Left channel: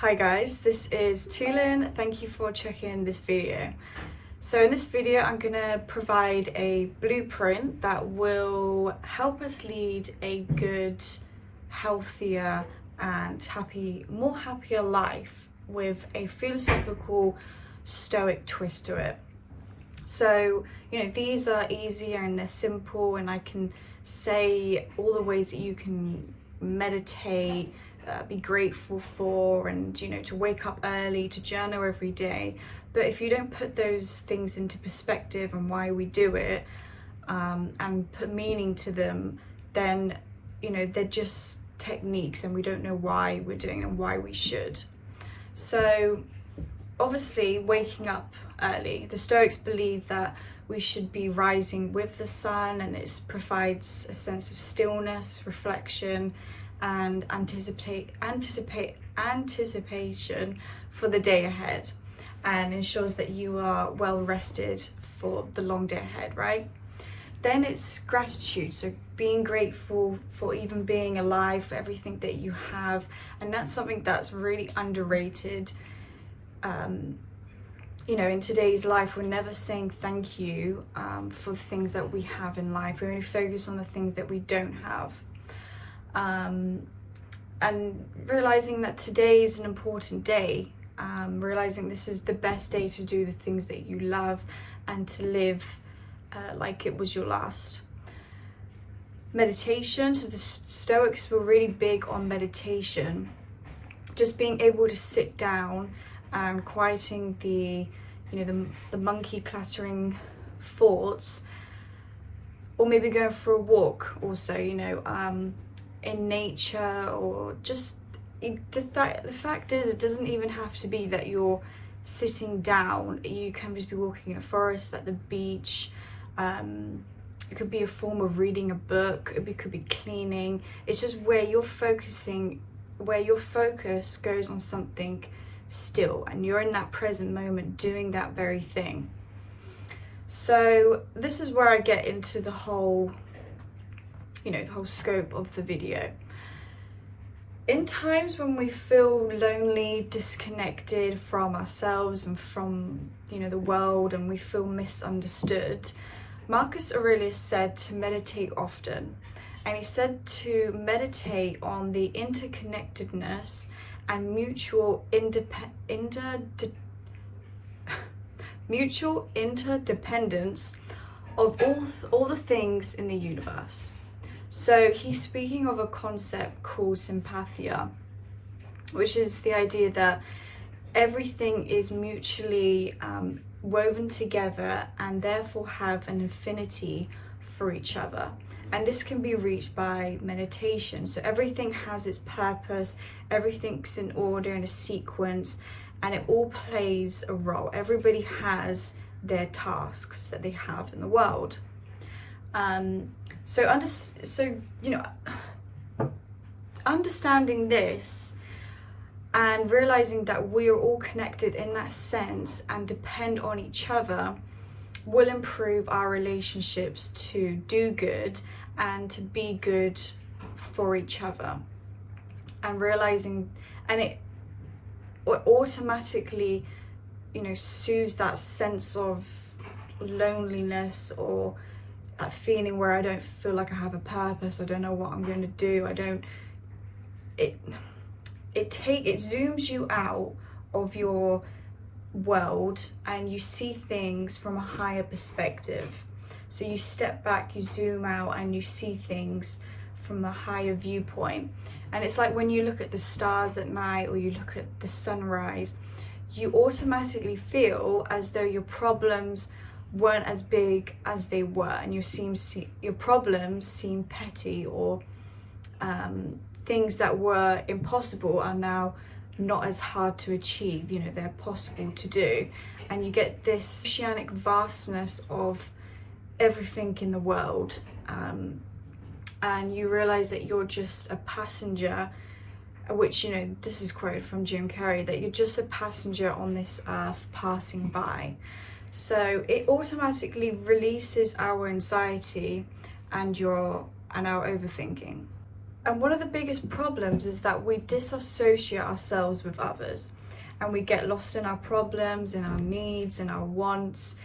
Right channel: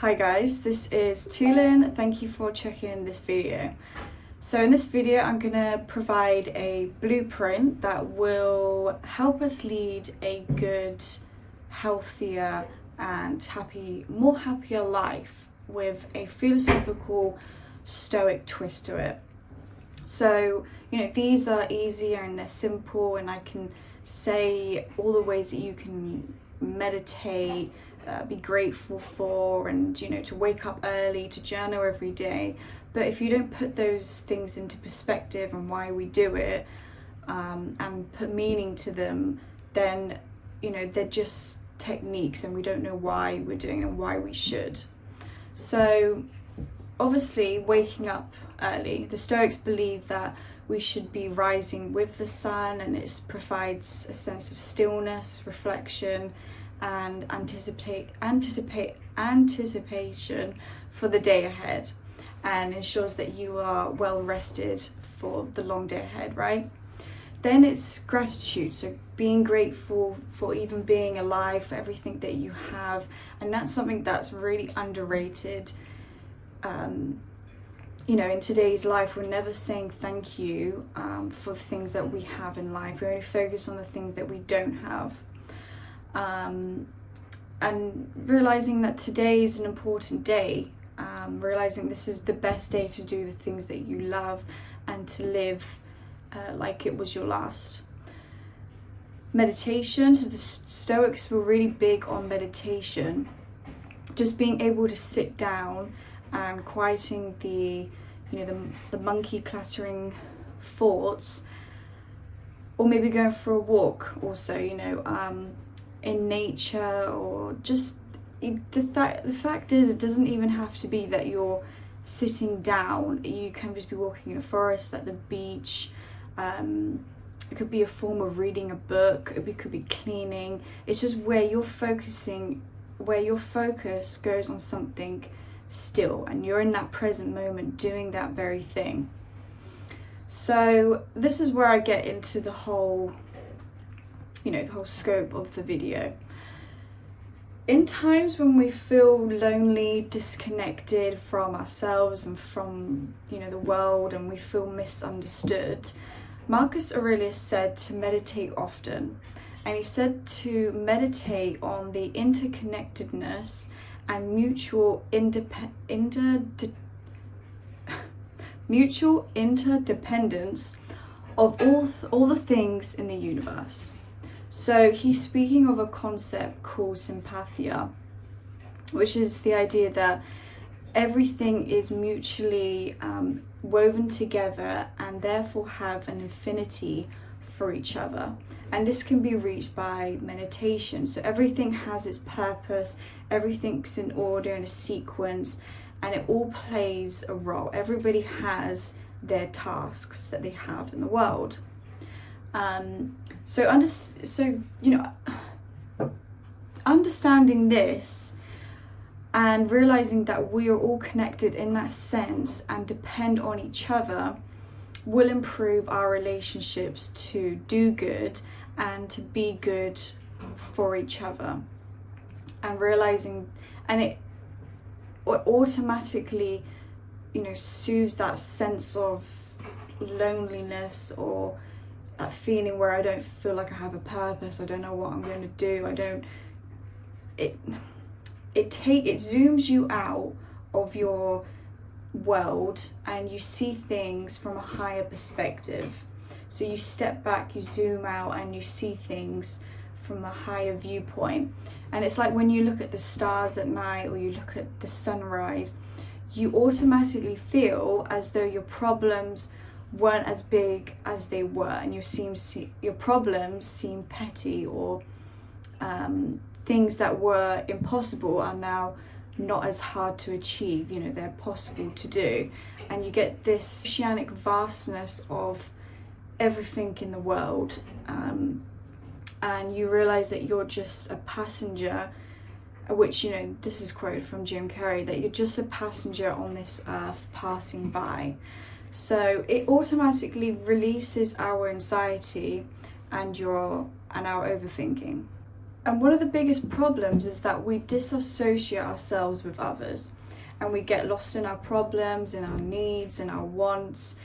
Hi guys, this is Tulin. Thank you for checking this video. So in this video I'm going to provide a blueprint that will help us lead a good, healthier and more happier life with a philosophical Stoic twist to it. So, these are easier and they're simple, and I can say all the ways that you can meditate, be grateful for, and to wake up early, to journal every day. But if you don't put those things into perspective and why we do it, and put meaning to them, then they're just techniques and we don't know why we're doing and why we should. So obviously, waking up early, the Stoics believe that we should be rising with the sun, and it provides a sense of stillness, reflection, and anticipation for the day ahead, and ensures that you are well rested for the long day ahead, right? Then it's gratitude, so being grateful for even being alive, for everything that you have, and that's something that's really underrated. In today's life, we're never saying thank you for the things that we have in life. We only focus on the things that we don't have. And realizing that today is an important day, realizing this is the best day to do the things that you love and to live like it was your last. Meditation, so the Stoics were really big on meditation, just being able to sit down and quieting the monkey clattering thoughts, or maybe going for a walk also, in nature, or just the fact is, it doesn't even have to be that you're sitting down. You can just be walking in a forest, at the beach. It could be a form of reading a book. It could be cleaning. It's just where you're focusing, where your focus goes on something still, and you're in that present moment doing that very thing. So this is where I get into the whole scope of the video. In times when we feel lonely, disconnected from ourselves and from the world, and we feel misunderstood, Marcus Aurelius said to meditate often, and he said to meditate on the interconnectedness and mutual interdependence of all the things in the universe. So he's speaking of a concept called Sympatheia, which is the idea that everything is mutually woven together and therefore have an affinity for each other. And this can be reached by meditation. So everything has its purpose, everything's in order, in a sequence, and it all plays a role. Everybody has their tasks that they have in the world. Understanding this and realizing that we are all connected in that sense and depend on each other will improve our relationships to do good and to be good for each other. And realizing, and it automatically soothes that sense of loneliness, or that feeling where I don't feel like I have a purpose, I don't know what I'm going to do, it zooms you out of your world and you see things from a higher perspective. So you step back, you zoom out, and you see things from a higher viewpoint. And it's like when you look at the stars at night, or you look at the sunrise, you automatically feel as though your problems weren't as big as they were, and your problems seem petty, or things that were impossible are now not as hard to achieve. They're possible to do, and you get this oceanic vastness of everything in the world, and you realize that you're just a passenger, which this is quoted from Jim Carrey, that you're just a passenger on this earth passing by. So it automatically releases our anxiety and our overthinking. And one of the biggest problems is that we disassociate ourselves with others, and we get lost in our problems, in our needs, in our wants,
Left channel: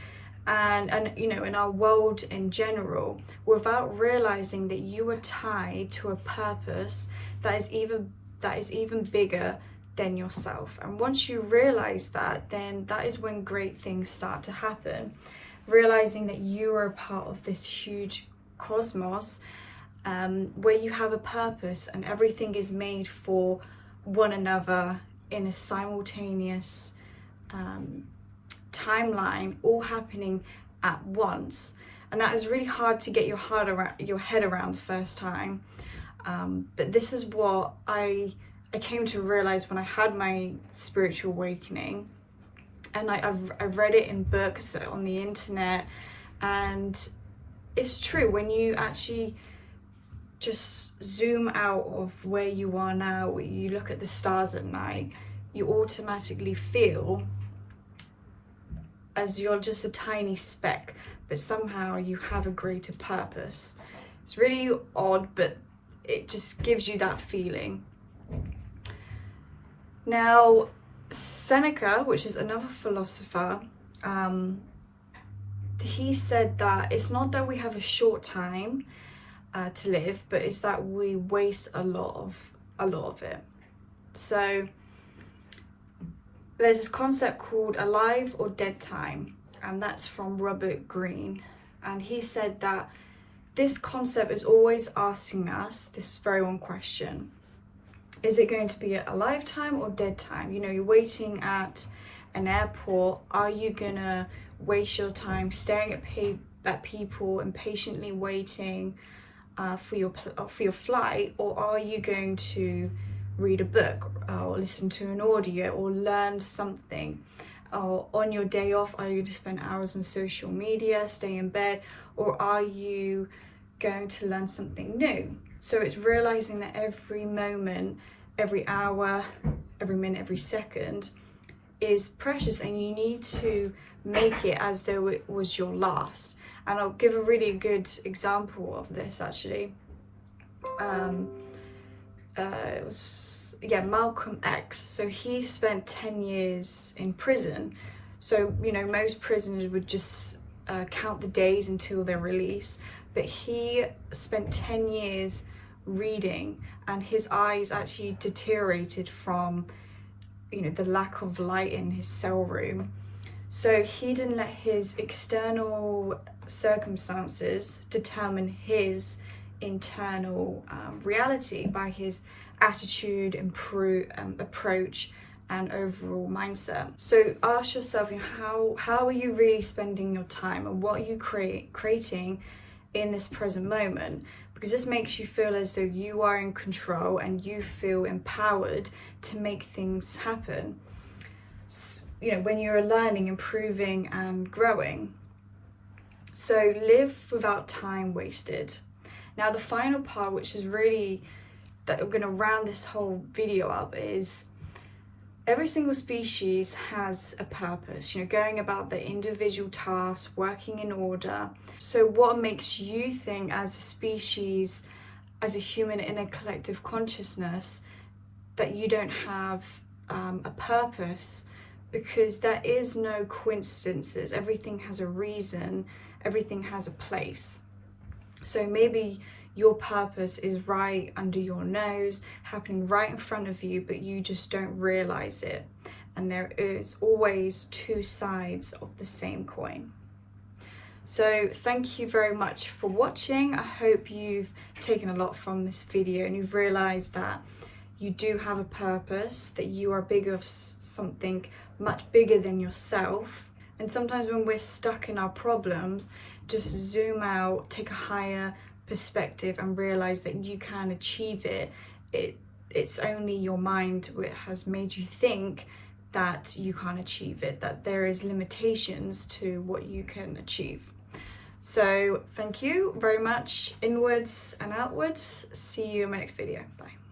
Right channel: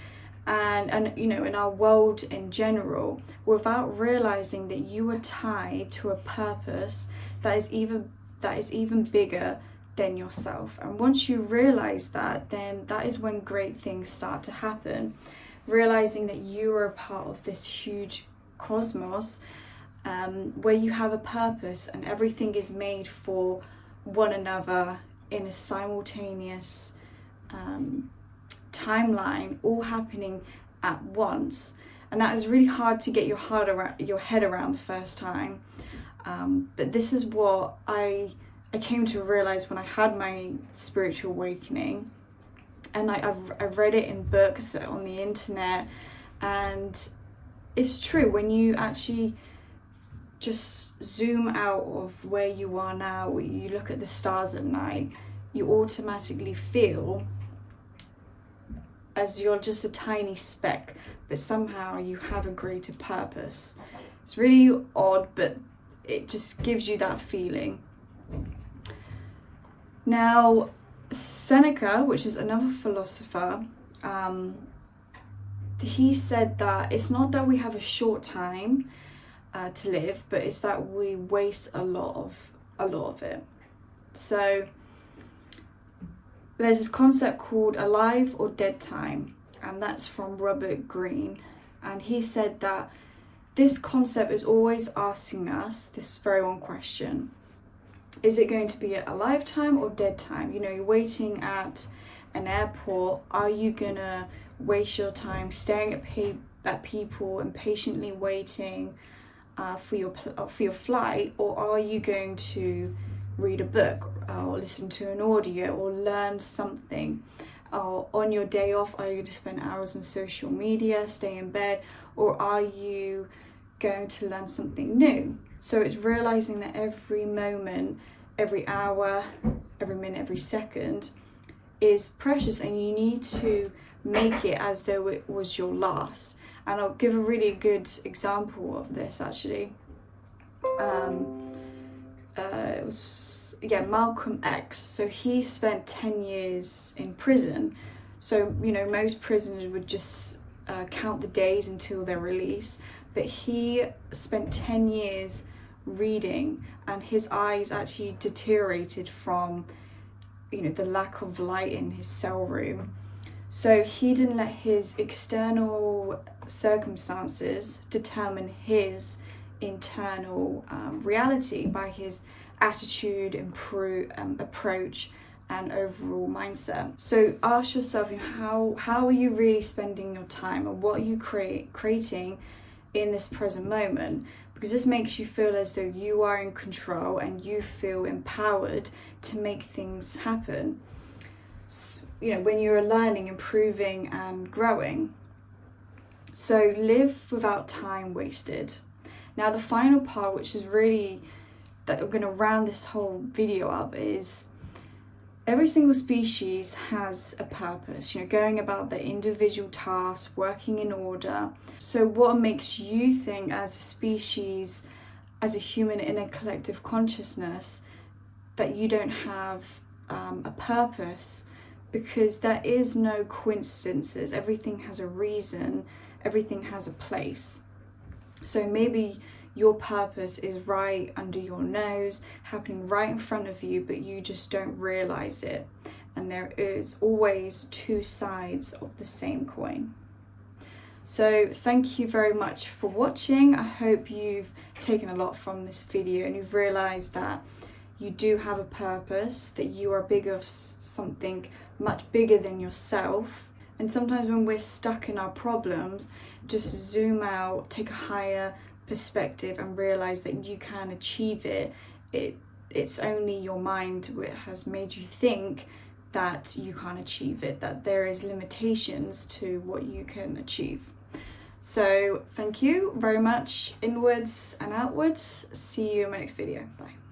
and you know, in our world in general, without realizing that you are tied to a purpose that is even bigger than yourself. And once you realize that, then that is when great things start to happen. Realizing that you are a part of this huge cosmos, where you have a purpose and everything is made for one another in a simultaneous timeline, all happening at once. And that is really hard to get your head around the first time. But this is what I came to realize when I had my spiritual awakening. And I've read it in books, on the internet, and it's true. When you actually just zoom out of where you are now, you look at the stars at night, you automatically feel as you're just a tiny speck, but somehow you have a greater purpose. It's really odd, but it just gives you that feeling. Now, Seneca, which is another philosopher, he said that it's not that we have a short time to live, but it's that we waste a lot of it. So there's this concept called alive or dead time, and that's from Robert Greene. And he said that this concept is always asking us this very one question: is it going to be a lifetime or dead time? You know, you're waiting at an airport. Are you gonna waste your time staring at people and patiently waiting for your flight, or are you going to read a book or listen to an audio or learn something? Or on your day off, are you going to spend hours on social media, stay in bed, or are you going to learn something new? So it's realizing that every moment, every hour, every minute, every second is precious, and you need to make it as though it was your last. And I'll give a really good example of this, actually. It was Malcolm X. So he spent 10 years in prison. So, you know, most prisoners would just count the days until their release, but he spent 10 years reading, and his eyes actually deteriorated from, you know, the lack of light in his cell room. So he didn't let his external circumstances determine his internal reality by his attitude, approach, and overall mindset. So ask yourself, you know, how are you really spending your time, and what are you creating in this present moment? Because this makes you feel as though you are in control and you feel empowered to make things happen. You know, when you're learning, improving, and growing. So live without time wasted. Now, the final part, which is really that we're going to round this whole video up, is every single species has a purpose, you know, going about their individual tasks, working in order. So what makes you think as a species, as a human in a collective consciousness, that you don't have a purpose? Because there is no coincidences. Everything has a reason, everything has a place. So maybe your purpose is right under your nose, happening right in front of you, but you just don't realize it. And there is always two sides of the same coin. So thank you very much for watching. I hope you've taken a lot from this video and you've realized that you do have a purpose, that you are big of something much bigger than yourself. And sometimes when we're stuck in our problems, just zoom out, take a higher perspective, and realize that you can achieve it. It's only your mind that has made you think that you can't achieve it, that there is limitations to what you can achieve. So thank you very much, inwards and outwards. See you in my next video. Bye.